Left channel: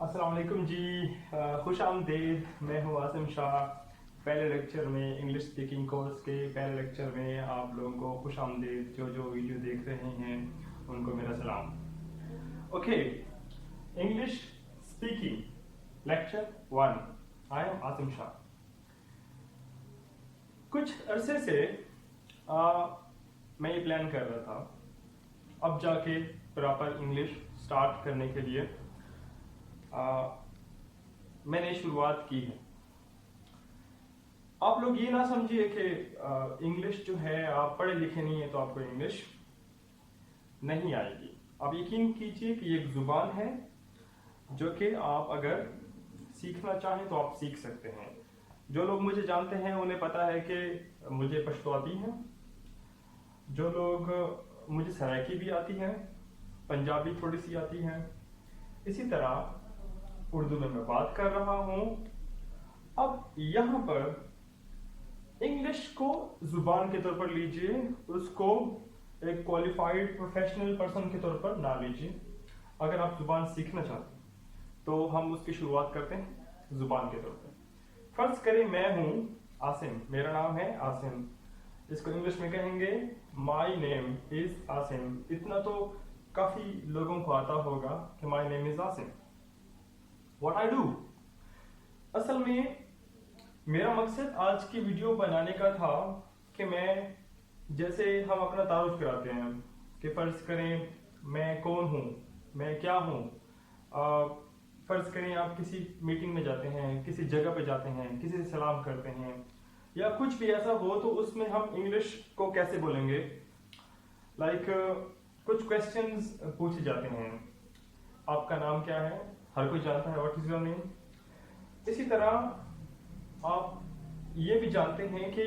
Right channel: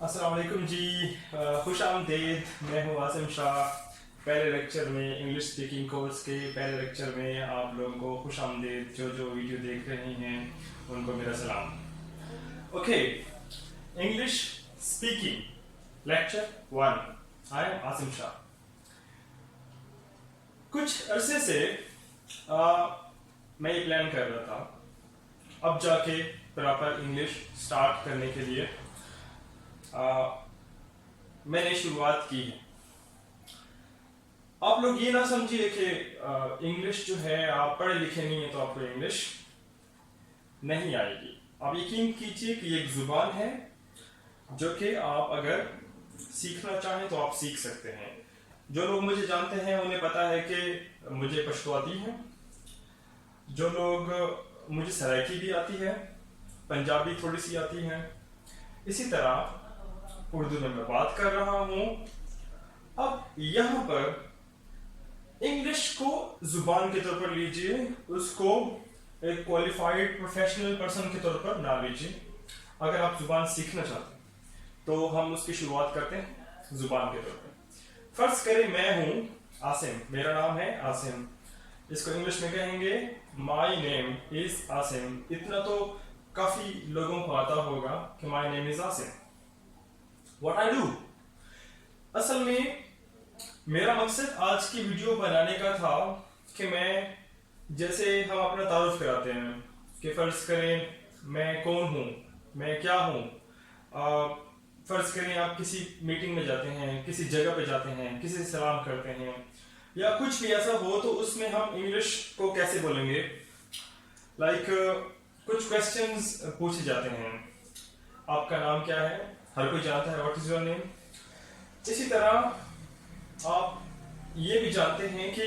अस्सलाम वालेकुम जी। खुश आमदीद। मैं हूँ आसिम शाह। पहले लेक्चर में इंग्लिश स्पीकिंग कोर्स के पहले लेक्चर में आप लोगों को खुश आमदीद। जो जो वीडियो देख रहे हैं उनको मेरा सलाम। Okay, English speaking lecture 1। I am Asim Shah. कुछ अरसे से मैं ये प्लान कर रहा था अब जाके प्रॉपर इंग्लिश स्टार्ट करने के लिए मैंने शुरुआत की है। आप लोग ये ना समझिए कि इंग्लिश जो है आप पढ़े लिखे नहीं है तो आपको इंग्लिश नहीं आएगी। आप यकीन कीजिए कि एक जुबान है जो कि आप अगर सीखना चाहें तो आप सीख सकते हैं। जो लोग मुझे जानते हैं उन्हें पता है कि मुझे पश्तो आती है। जो लोग मुझे सराइकी भी आती है, पंजाबी थोड़ी सी आती है। इसी तरह उर्दू में मैं बात कर रहा हूँ। अब यहाँ पर इंग्लिश को जुबान के तौर पर लीजिए, उसको एक क्वालिफाइड प्रोफेशनल पर्सन के तौर पर ना लीजिए। अगर आप जुबान सीखना चाहते हैं तो हम उसकी शुरुआत करते हैं जुबान के तौर पर। फर्ज करें मैं हूँ आसिम, मेरा नाम है आसिम। इसको इंग्लिश में कहेंगे माई नेम इज आसिम। इतना तो काफ़ी लोगों को आता होगा कि my name is Asim. What I do? असल में मेरा मकसद आज की वीडियो बनाने का था कि मैं जैसे हम अपना तारुफ कराते हैं कि फ़र्ज़ करें मैं कौन हूँ, मैं क्या हूँ। फ़र्ज़ करें आप किसी मीटिंग में जाते हैं, किसी जगह पे जाते हैं, किसी से सलाम करते हैं या कुछ भी ऐसा हो तो उसमें हम इंग्लिश को कैसे बोलेंगे। कुछ क्वेश्चंस पूछे जाते हैं, आपका नाम क्या है, हर कोई जानता है व्हाट इज योर नेम। इसी तरह आप ये भी जानते हैं कि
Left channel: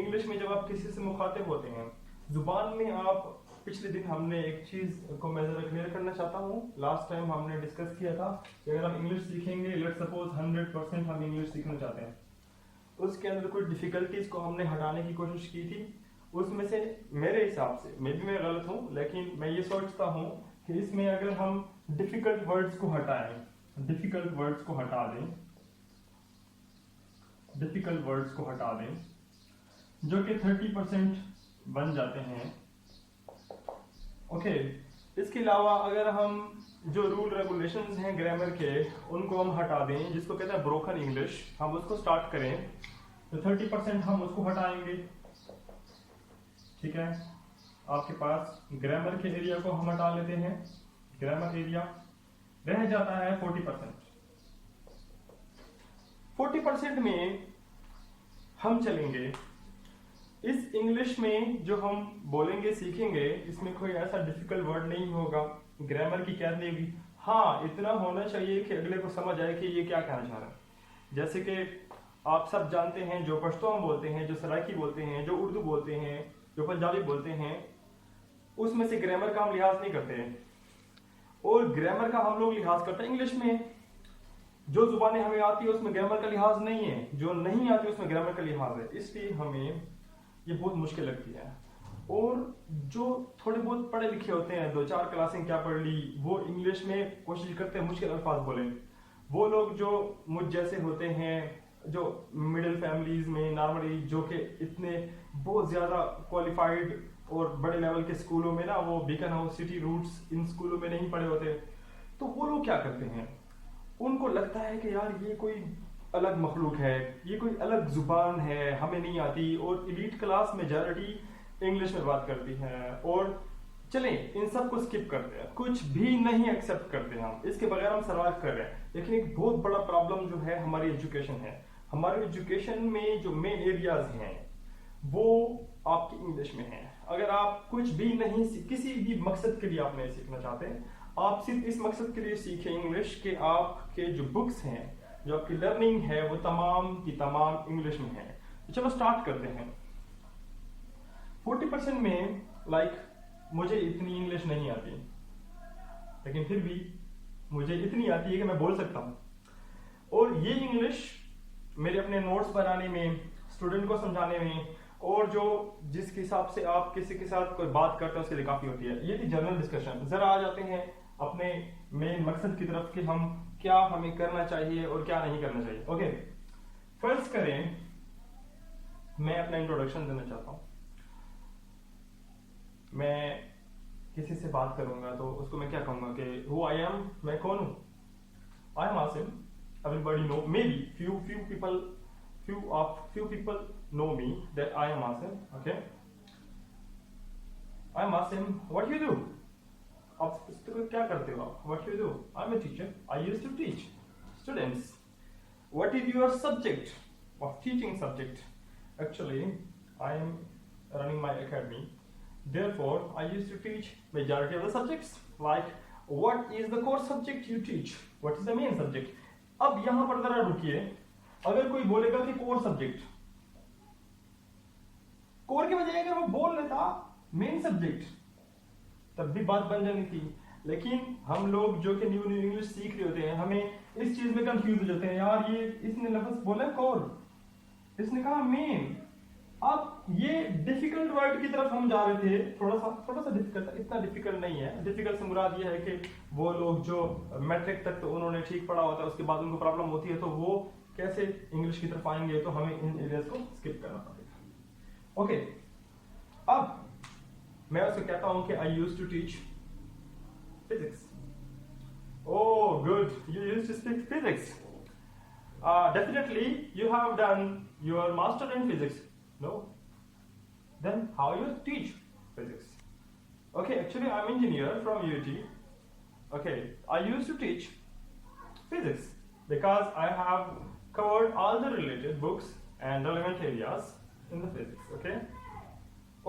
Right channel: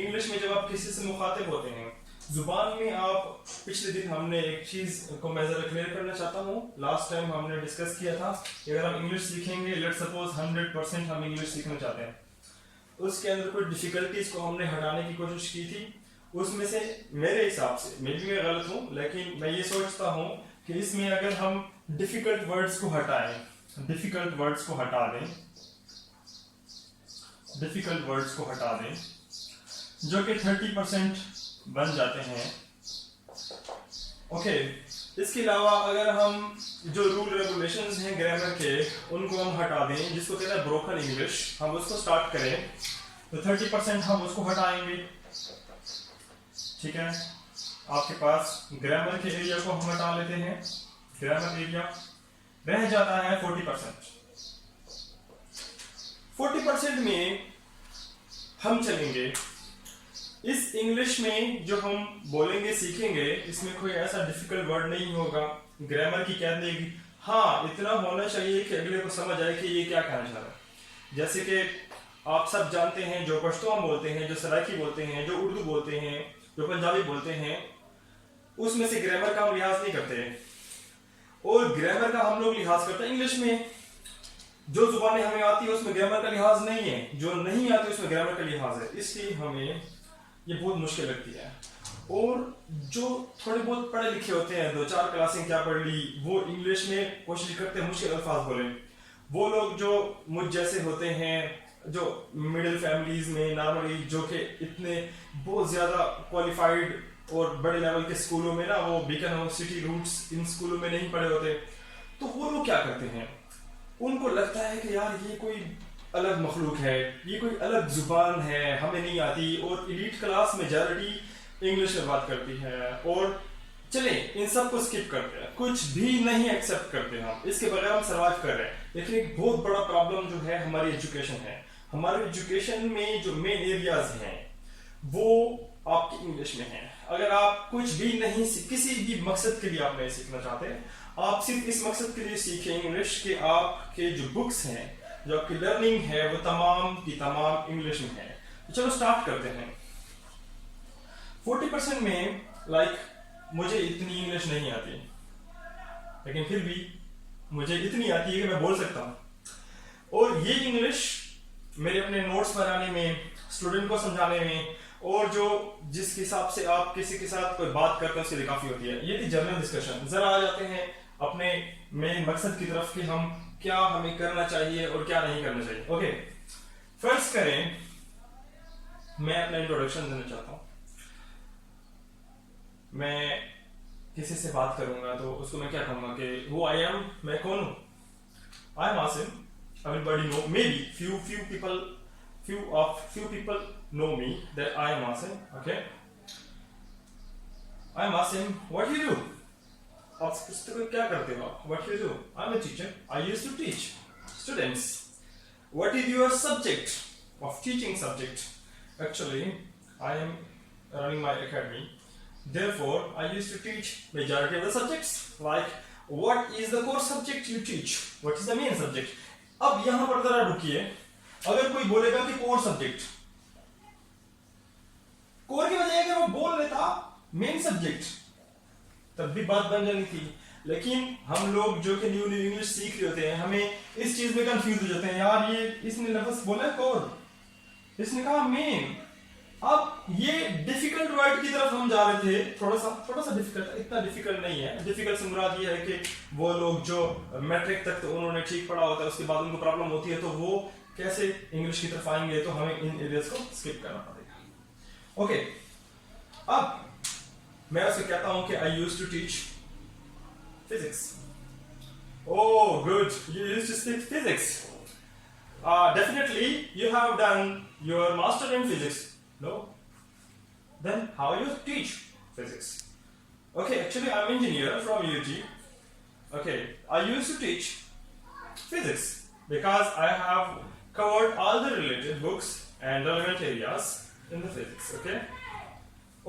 इंग्लिश में जब आप किसी से मुखातिब होते हैं जुबान में आप पिछले दिन हमने एक चीज़ को मैं ज़रा क्लियर करना चाहता हूँ। लास्ट टाइम हमने डिस्कस किया था कि अगर हम इंग्लिश सीखेंगे, लेट्स सपोज 100% हम इंग्लिश सीखना चाहते हैं, उसके अंदर कोई डिफ़िकल्टीज को हमने हटाने की कोशिश की थी। उसमें से मेरे हिसाब से, मे बी मैं गलत हूँ, लेकिन मैं ये सोचता हूँ कि इसमें अगर हम डिफिकल्ट वर्ड्स को हटाएं, डिफिकल्ट वर्ड्स को हटा दें, डिफिकल्ट वर्ड्स को हटा दें जो कि 30% बन जाते हैं। ओके, इसके अलावा अगर हम जो रूल रेगुलेशंस हैं ग्रामर के उनको हम हटा दें, जिसको कहते हैं ब्रोकन इंग्लिश, हम उसको स्टार्ट करें तो 30% हम उसको हटाएंगे। ठीक है, आपके पास ग्रामर के एरिया को हम हटा लेते हैं, ग्रामर एरिया रह जाता है 40%। 40% में हम चलेंगे इस इंग्लिश में जो हम बोलेंगे सीखेंगे, इसमें कोई ऐसा डिफिकल्ट वर्ड नहीं होगा। ग्रामर की कह देगी हाँ इतना होना चाहिए कि अगले को समझ आए कि ये क्या कहना चाह रहा है। जैसे कि आप सब जानते हैं जो पश्तो हम बोलते हैं, जो सराइकी बोलते हैं, जो उर्दू बोलते हैं, जो पंजाबी बोलते हैं, उसमें से ग्रामर का हम लिहाज नहीं करते और ग्रामर का हम लोग लिहाज करते हैं इंग्लिश में। जो जुबानें हमें आती है उसमें ग्रामर का लिहाज नहीं है, जो नहीं आती उसमें ग्रामर का लिहाज है। इसलिए हमें ये बहुत मुश्किल लगती है। और जो थोड़े बहुत पढ़े लिखे होते हैं, 2-4 क्लासें क्या पढ़ ली, वो इंग्लिश में कोशिश करते हैं मुश्किल अल्फाज बोलें। वो लोग जो मुझ जैसे होते हैं, जो मिडिल फैमिलीज में नॉर्मली, जो कि इतने बहुत ज़्यादा क्वालिफाइड और बड़े लेवल के स्कूलों में ना, वो बीकानेर सिटी रूट्स इन स्कूलों में नहीं पढ़े होते, तो वो लोग क्या करते हैं, उनको लगता है कि यार ये कोई अलग मखलूक है, ये कोई अलग जुबान है, हमें नहीं आती। और एलीट क्लास मेजॉरिटी इंग्लिश में बात करती है और चले इन सब को स्किप करते हैं, कुछ भी नहीं एक्सेप्ट करते हम, इसके बगैर हम सर्वाइव कर रहे हैं। लेकिन एक बहुत बड़ा प्रॉब्लम जो है हमारी एजुकेशन है। हमारे एजुकेशन में जो मेन एरियाज हैं वो आपकी इंग्लिश में है। अगर आप कुछ भी नहीं, किसी भी मकसद के लिए आप नहीं सीखना चाहते, आप सिर्फ इस मकसद के लिए सीखें इंग्लिश के आपके जो बुक्स हैं, जो आपकी लर्निंग है, वो तमाम की तमाम इंग्लिश में है। तो चलो स्टार्ट करते हैं। 40% में मुझे इतनी इंग्लिश नहीं आती, लेकिन फिर भी मुझे इतनी आती है कि मैं बोल सकता हूँ। और ये इंग्लिश मेरे अपने नोट्स बनाने में, स्टूडेंट को समझाने में, और जो जिस हिसाब से आप किसी के साथ कोई बात करते हैं उसके लिए काफ़ी होती है। ये थी जनरल डिस्कशन। ज़रा आ जाते हैं अपने मेन मकसद की तरफ कि हम क्या हमें करना चाहिए और क्या नहीं करना चाहिए। ओके, फर्स्ट करें, मैं अपना इंट्रोडक्शन देना चाहता हूँ। मैं किसी से बात करूंगा तो उसको मैं क्या कहूंगा कि हु आई एम, मैं कौन हूँ। I am Asim, everybody know, maybe few people know me that I am Asim. Okay, I am Asim. What do you do? आप पूछते हो क्या करते हो? What do you do? I am a teacher. I used to teach students. What is your subject of teaching subject? Actually, I am running my academy. Therefore, I used to teach majority of the subjects. Like, what is the core subject you teach? What is the main subject? अब यहाँ पर जरा रुकिए, अगर कोई बोलेगा कि core subject, core की बजाय अगर वो बोल लेता मेन सब्जेक्ट, तब भी बात बन जानी थी। लेकिन हम लोग जो कि न्यू इंग्लिश सीख रहे होते हैं, हमें इस चीज में कंफ्यूज हो जाते हैं, यार ये इसने लफ्ज बोला कोर, इसने कहा मेन। अब ये डिफिकल्ट वर्ड की तरफ हम जा रहे थे, थोड़ा सा डिफिकल्ट, इतना डिफिकल्ट नहीं है। डिफिकल्ट से मुराद ये है कि वो लोग जो मैट्रिक तक तो उन्होंने ठीक पढ़ा होता है, उसके बाद उनको प्रॉब्लम होती है, तो वो कैसे इंग्लिश की तरफ आएंगे, तो हमें इन एरियाज को स्किप करना पड़ेगा। ओके, अब मैं उसको कहता हूं कि I used to teach physics. Oh good, you used to teach physics. Definitely you have done your master in physics. No? Then how you teach physics? Okay, actually I'm engineer from UT. Okay, I used to teach physics because I have covered all the related books and relevant areas in the physics. Okay?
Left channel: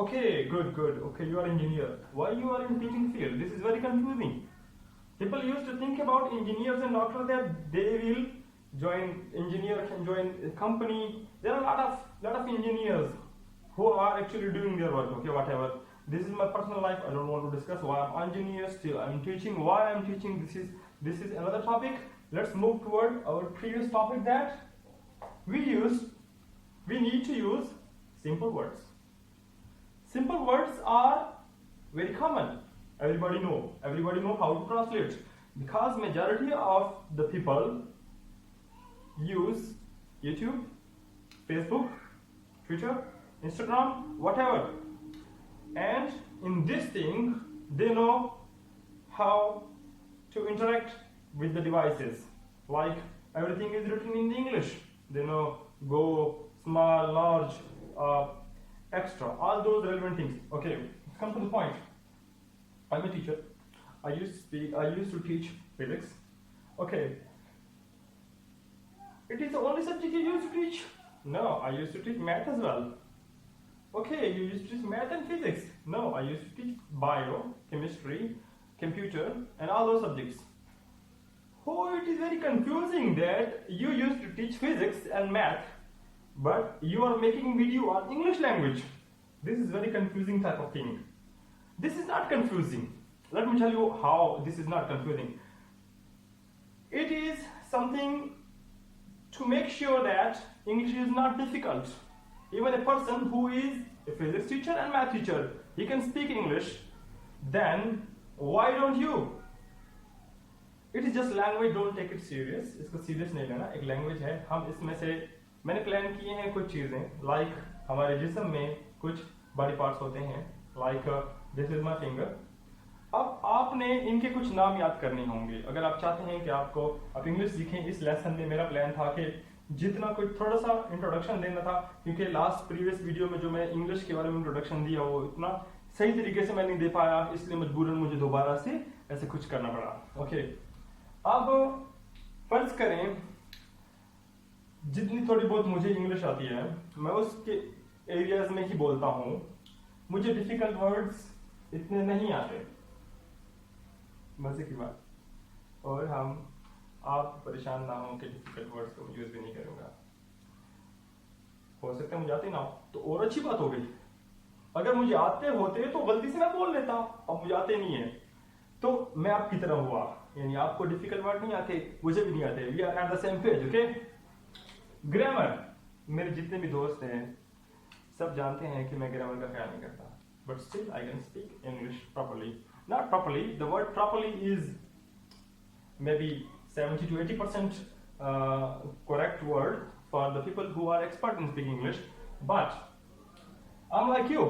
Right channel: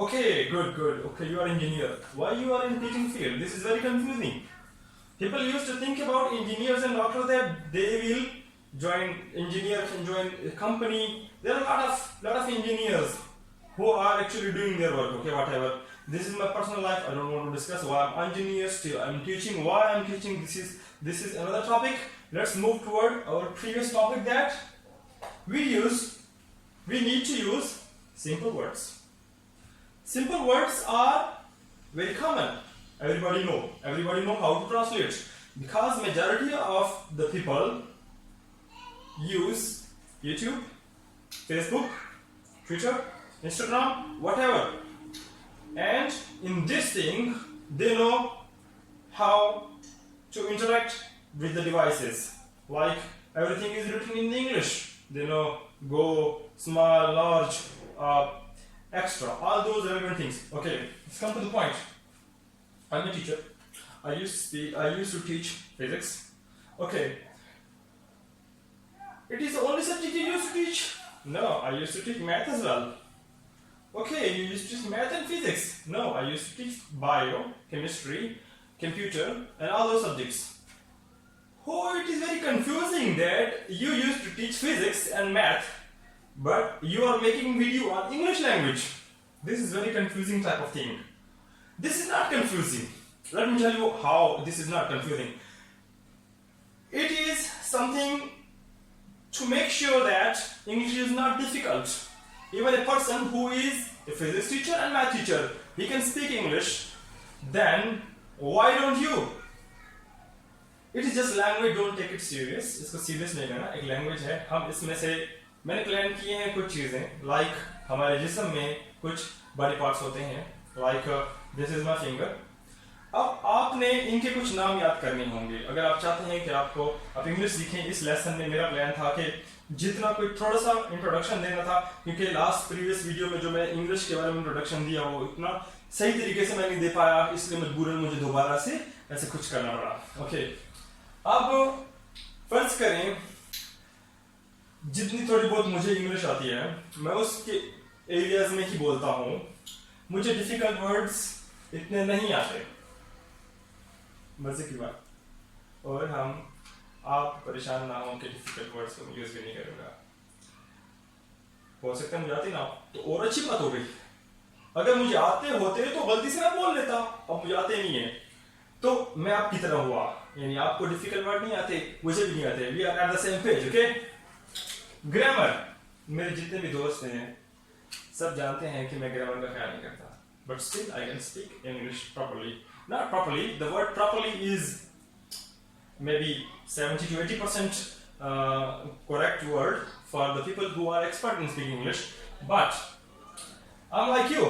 Okay, good. Okay, you are engineer. Why you are in teaching field? This is very confusing. People used to think about engineers and after that they will join a company. There are a lot of engineers who are actually doing their work. Okay, whatever. This is my personal life. I don't want to discuss why I'm engineer. Still, I'm teaching. Why I'm teaching? This is another topic. Let's move toward our previous topic that we need to use simple words. Simple words are very common. Everybody know how to translate, because majority of the people use YouTube, Facebook, Twitter, Instagram, whatever, and in this thing they know how to interact with the devices. Like, everything is written in English. They know go, small, large, extra, all those relevant things. Okay, let's come to the point. I'm a teacher. I used to teach physics. Okay, it is the only subject you used to teach? No, I used to teach math as well. Okay, you used to teach math and physics? No, I used to teach bio, chemistry, computer, and all those subjects. Oh, it is very confusing that you used to teach physics and math, but you are making video on English language. This is very confusing type of thing. This is not confusing. Let me tell you how this is not confusing. It is something to make sure that English is not difficult. Even a person who is a physics teacher and math teacher, he can speak English. Then why don't you? It is just language. Don't take it serious. इसको serious नहीं लेना. एक language है. हम इसमें से मैंने claim किए हैं कुछ चीजें. Like हमारे जिस्म में कुछ body parts होते हैं. Like this is my finger. अब आपने इनके कुछ नाम याद करने होंगे अगर आप चाहते हैं कि आप इंग्लिश सीखें। इस लेसन में मेरा प्लान था कि जितना कोई थोड़ा सा इंट्रोडक्शन देना था, क्योंकि लास्ट प्रीवियस वीडियो में जो मैं इंग्लिश के बारे में इंट्रोडक्शन दिया वो इतना सही तरीके से मैं नहीं दे पाया, इसलिए मजबूरन मुझे दोबारा से ऐसे कुछ करना पड़ा। ओके, अब फर्ज करें जितनी थोड़ी बहुत मुझे इंग्लिश आती है मैं उसके एरियाज में ही बोलता हूँ। मुझे डिफिकल्ट वर्ड्स इतने नहीं आते, मजे की बात। और आप परेशान ना हो कि डिफिकल्ट वर्ड्स को यूज भी नहीं करूंगा। हो सकता है मुझे आते ना तो और अच्छी बात हो गई। अगर मुझे आते होते तो गलती से मैं बोल लेता, अब मुझे आते नहीं है तो मैं आपकी तरह हुआ, यानी आपको डिफिकल्ट वर्ड नहीं आते, मुझे भी नहीं आते। We are at the same page. Okay, grammar, मेरे जितने भी दोस्त हैं सब जानते हैं कि मैं ग्रामर का ख्याल नहीं करता, but still I can speak English properly. Not properly, the word properly is maybe 70 to 80% correct word for the people who are expert in speaking English. But I'm like you.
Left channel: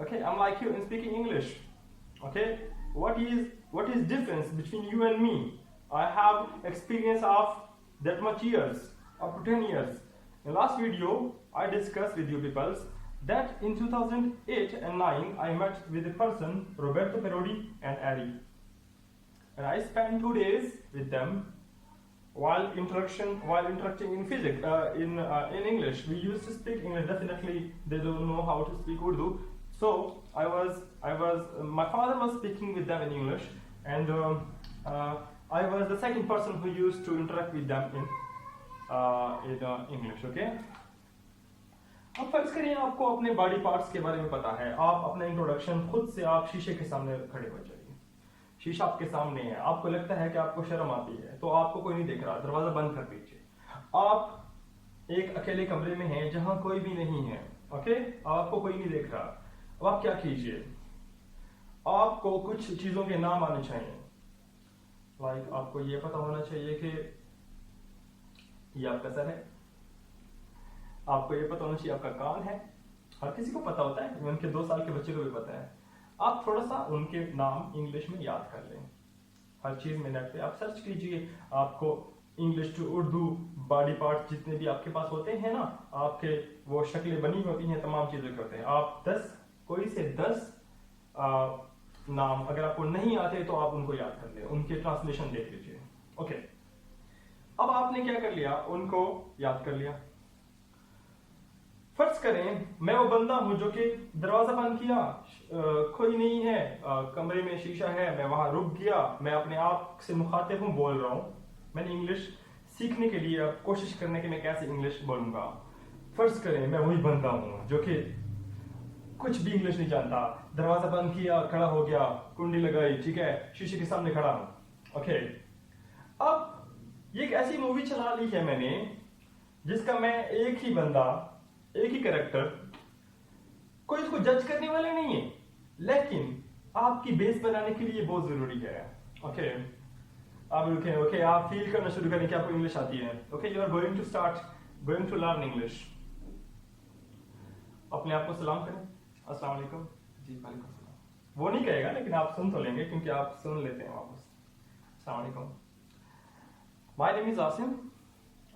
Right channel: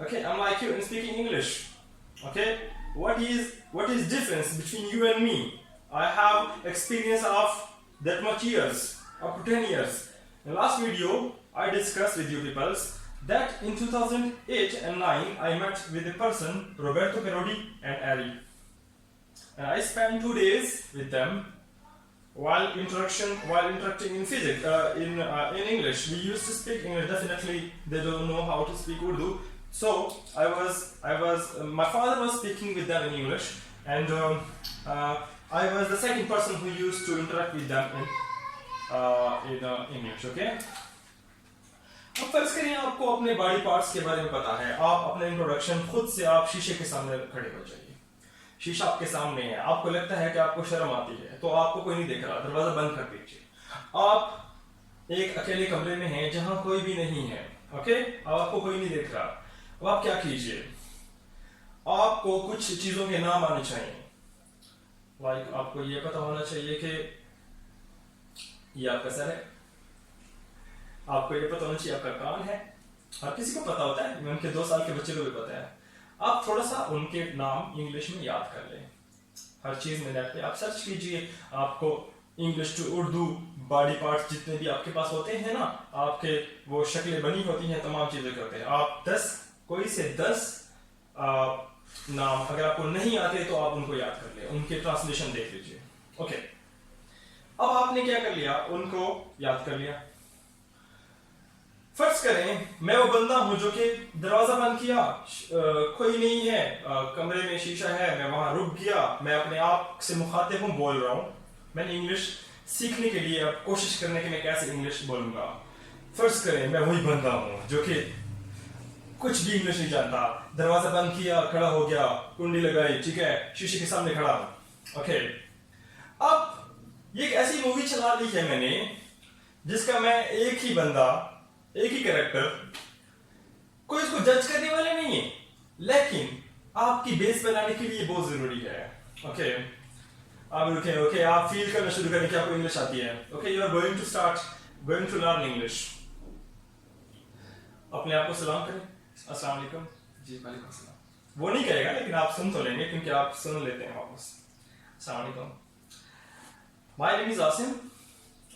Okay, I'm like you in speaking English. Okay, what is difference between you and me? I have experience of that much years, up to 10 years. In last video, I discussed with you people that in 2008 and 9 I met with a person, Roberto Perodi and Ari, and I spent 2 days with them while interacting in physics, in English. We used to speak English. Definitely, they don't know how to speak Urdu. So my father was speaking with them in English, and I was the second person who used to interact with them in English. Okay. अब फर्ज करिए आपको अपने body parts के बारे में पता है, आप अपना इंट्रोडक्शन खुद से आप शीशे के सामने खड़े हो जाइए। शीशा आपके सामने है, आपको लगता है कि आपको शर्म आती है, तो आपको कोई नहीं देख रहा, दरवाजा बंद कर दीजिए। आप एक अकेले कमरे में हैं जहां कोई भी नहीं है। ओके, आपको कोई नहीं देख रहा। अब आप क्या कीजिए, आपको कुछ चीजों के नाम आने चाहिए। लाइक आपको ये पता होना चाहिए कि ये आपका सर है, आपको ये पता होना चाहिए आपका कान है, और किसी को पता होता है, उनके 2 साल के बच्चे को भी पता है। आप थोड़ा सा उनके नाम इंग्लिश में याद कर लें। हर चीज में नेट पे आप सर्च कीजिए, आपको English to Urdu body parts जितने भी आपके पास होते हैं ना, आपके वो शक्लें बनी होती हैं, तमाम चीजें करते हैं। आप 10 कोई से 10 नाम अगर आपको नहीं आते तो आप उनको याद कर ले, उनके ट्रांसलेशन देख लीजिए। ओके, अब आपने क्या कर लिया, उनको याद कर लिया। फर्ज करें मैं वो बंदा हूं जो कि दरवाजा बंद किया, कोई नहीं है, कमरे में शीशा है, मैं वहां रुक गया, मैं अपने आप से मुखातिब हूं, बोल रहा हूं। मैंने इंग्लिश सीखने के लिए अब कोशिश करने की मैं कैसे इंग्लिश बोलूंगा। फर्ज करें मैं वही बंदा हूं जो कि कुछ भी इंग्लिश नहीं जानता, दरवाजा बंद किया, खड़ा हो गया, कुंडी लगाई, ठीक है, शीशे के सामने खड़ा हूं। ओके, अब ये एक ऐसी मूवी चला ली है मैंने जिसका मैं एक ही बंदा, एक ही कैरेक्टर, कोई इसको जज करने वाले नहीं है, लेकिन आपकी बेस बनाने के लिए बहुत जरूरी है। ओके, आप रुके, ओके, आप फील करना शुरू करें कि आपको इंग्लिश आती है। Okay, you are going to learn English. अपने आप को सलाम करें, अस्सलाम वालेकुम जी। वालेकुम सलाम। वो नहीं कहेगा लेकिन आप सुन तो लेंगे क्योंकि आप सुन लेते हैं वापस। अस्सलाम वालेकुम, my name is Asim.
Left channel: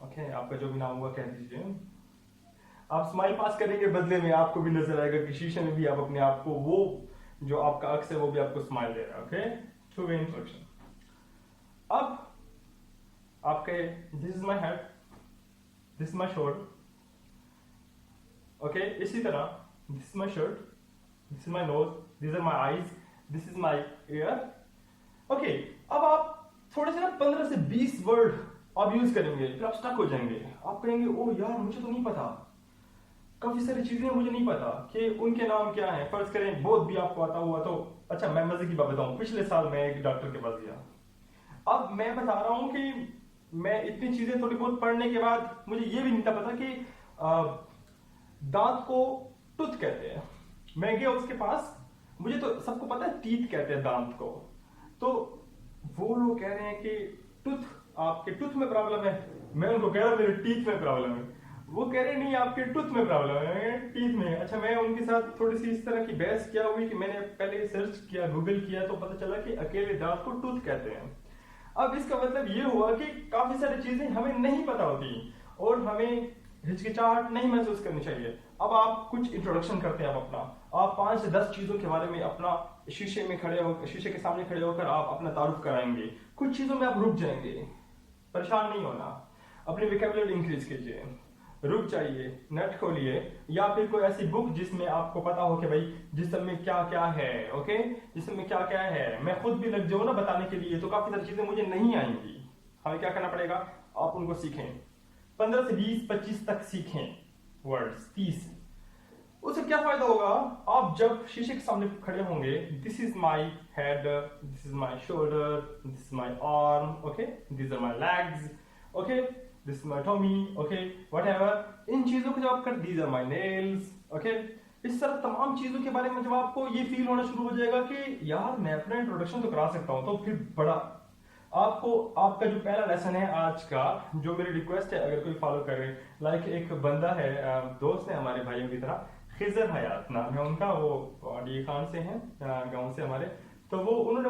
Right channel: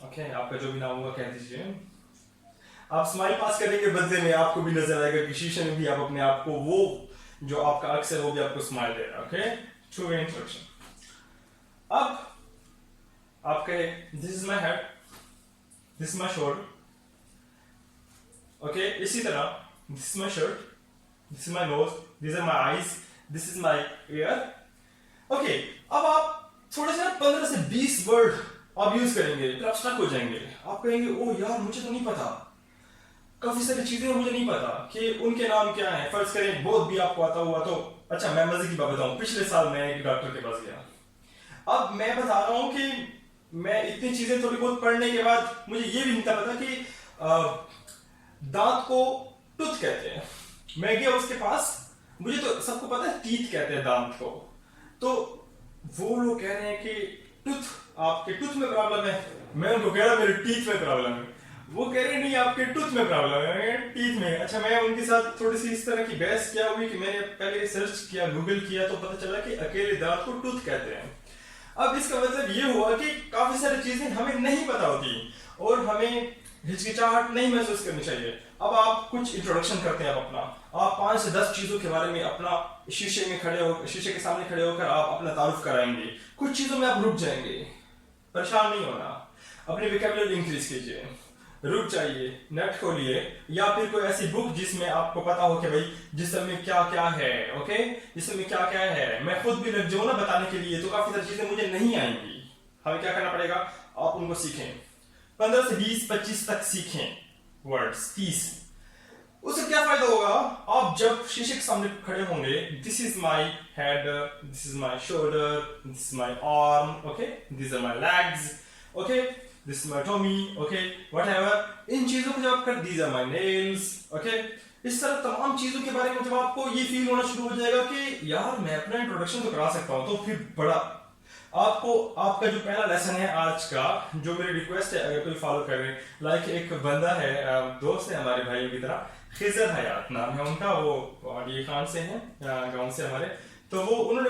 Okay, आपका जो भी नाम हुआ कह दीजिए। आप स्माइल पास करने के बदले में आपको भी नजर आएगा कि शीशे में भी आप अपने आप को, वो जो आपका अक्स है वो भी आपको स्माइल दे रहा है। Okay, two way introduction. अब आपके this is my head, this is my shoulder. Okay, इसी तरह this is my shirt, this is my nose, this are my eyes, this is my ear. Okay, अब आप थोड़े से 15 से 20 वर्ड आप यूज करेंगे, फिर आप स्टक हो जाएंगे। आप कहेंगे ओ यार मुझे तो नहीं पता, काफी सारी चीजें मुझे नहीं पता कि उनके नाम क्या है। फर्ज करें बहुत भी आपको आता हुआ तो अच्छा, मैं मजे की बात बताऊं, पिछले साल मैं एक डॉक्टर के पास गया। अब मैं बता रहा हूं कि मैं इतनी चीजें थोड़ी बहुत पढ़ने के बाद मुझे ये भी नहीं था पता कि दांत को टूथ कहते हैं। मैं गया उसके पास, मुझे तो सबको पता है टीथ कहते हैं दांत को, तो वो लोग कह रहे हैं कि टूथ, आपके टूथ में प्रॉब्लम है। मैं उनको कह रहा मेरे टीथ में प्रॉब्लम है, वो कह रहे नहीं आपके टूथ में प्रॉब्लम है, टीथ में। अच्छा, मैं उनके साथ थोड़ी सी इस तरह की बहस क्या हुई कि मैंने पहले रिसर्च किया, गूगल किया, तो पता चला कि अकेले दांत को टूथ कहते हैं। अब इसका मतलब ये हुआ कि काफी सारी चीजें हमें नहीं पता होती और हमें हिचकिचाहट नहीं महसूस करनी चाहिए। अब आप कुछ इंट्रोडक्शन करते हैं अपना, आप 5 से 10 चीजों के बारे में अपना शीशे के सामने खड़े होकर आप अपना तारुफ कराएंगे। कुछ चीजों में आप रुक जाएंगे, परेशान नहीं होना, अपनी वोकैबुलरी इंक्रीज कीजिए, रुक जाइए, नेट खोलिए, या फिर कोई ऐसी बुक जिसमें आपको पता हो कि भाई जिसमें क्या क्या है। ओके, जिसमें क्या क्या है, मैं खुद भी लग जाऊं ना बताने के लिए तो काफी सारी चीजें मुझे नहीं आएंगी। हमें क्या करना पड़ेगा, आप उनको सीखें, 15 से 20-25 तक सीखें वर्ड्स, 30। उससे क्या फायदा होगा, आप जब शीशे के सामने खड़े होंगे, this is my head, this is my shoulder, this is my arm, okay, this are my legs, okay, this is my tummy, okay, whatever, इन चीजों को जब आप कर, these are my nails, okay, इस तरह तमाम चीज़ों के बारे में जब आपको ये फील होना शुरू हो जाएगा कि यार मैं अपना इंट्रोडक्शन तो करा सकता हूँ, तो फिर बड़ा आपको आपका जो पहला लेसन है आज का, जो मेरी रिक्वेस्ट है अगर कोई फॉलो कर रहे, लाइक एक बंदा है, दोस्त है हमारे भाइयों की तरह, खिजर हयात नाम है उनका, वो ये खान से हैं, गांव से हमारे, तो वो उन्होंने